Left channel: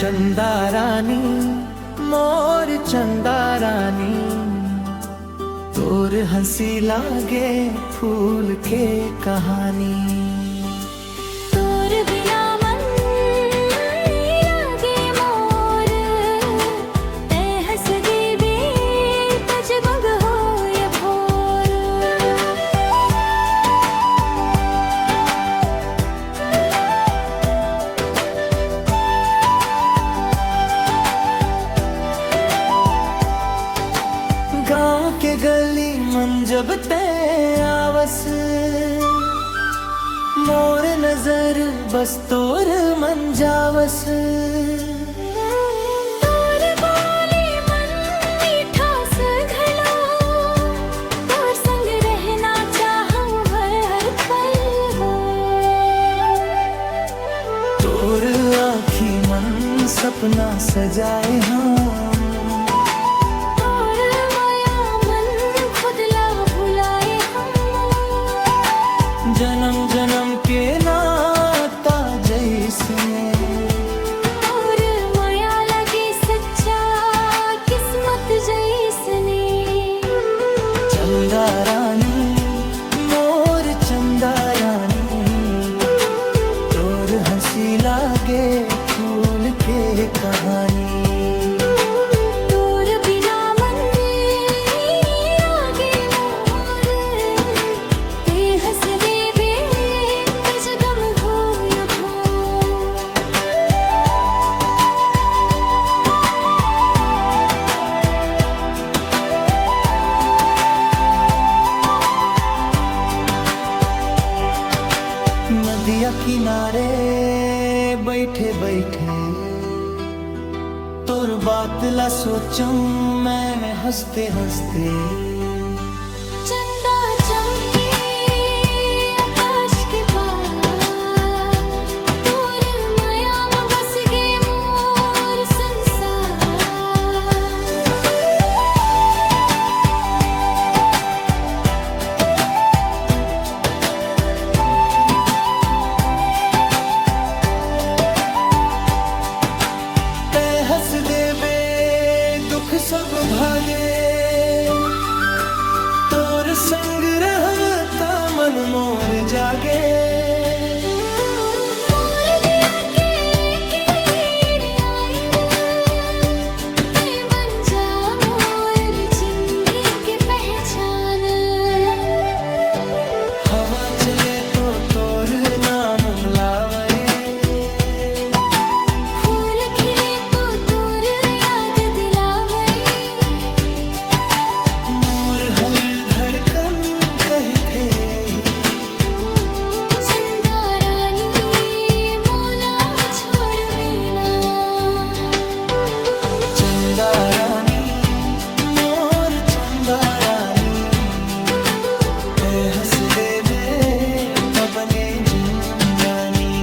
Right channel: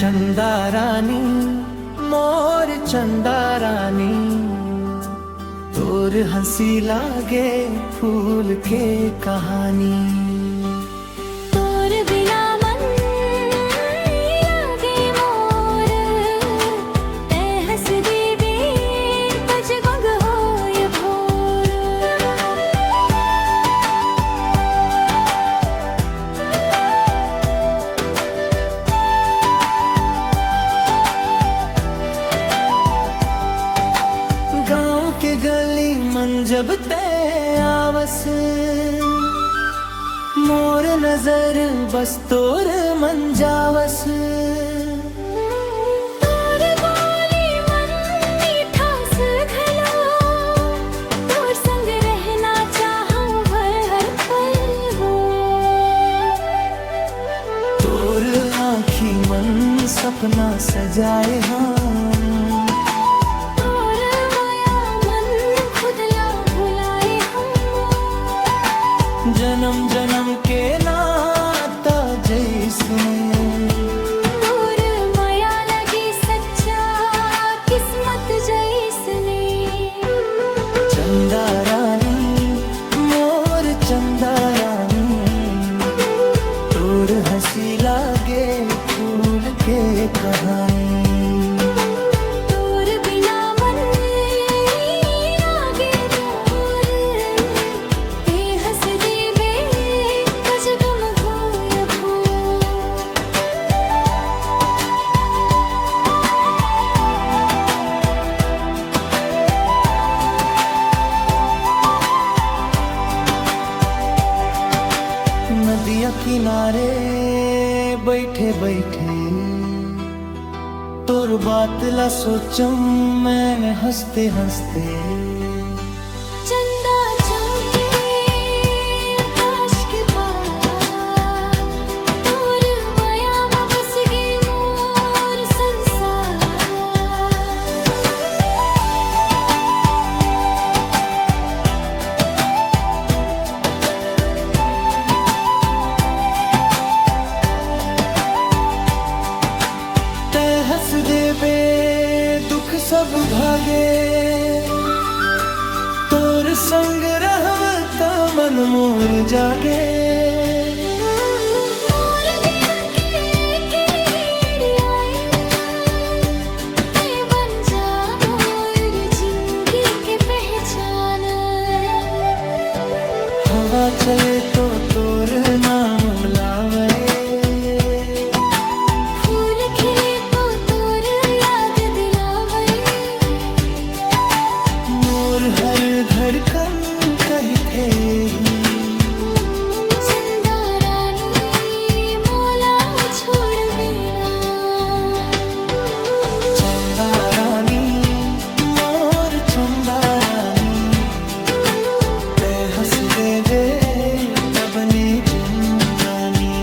चंदा रानी मोर चंदा रानी, तोर हंसी लागे फूल के कहानी। तोर बिना मन लागे मोर, ते हंस दीबी तज गंग होय भोर। गाँव के गली मन जब ते आवस, मोर नजर बस तोर मन जावस। तोर बोली मन मीठास घलो, तोर संग रहना चाहूं हर पल हो। तोर आँखी मन सपना सजाए हम, जन्म जन्म के नाता जैसने। तोर माया लगे सच्चा किस्मत जैसने। चंदा रानी मोर चंदा रानी, तोर हंसी लागे फूल के कहानी। तोर बिना मन लागे मोर, ते हंस दे नदिया किनारे बैठे बैठे, तोर बात ला सोचूं मैं हंसते हंसते। चंदा चमके आकाश के पार, तोर माया में बस गे मोर संसार। हंस देबे दुख सब भागे, तोर संग रहब त मन मोर जागे। मोर दिल के आई रे, ते बन जा मोर जिंदगी के पहचान। हवा चले तो तोर नाम मिलावे, फूल खिले हर धड़कन कही थे। चंदा रानी मोला छोड़ बेना। चंदा रानी मोर चंदा रानी, ते हंस दे तब ने जिंदानी।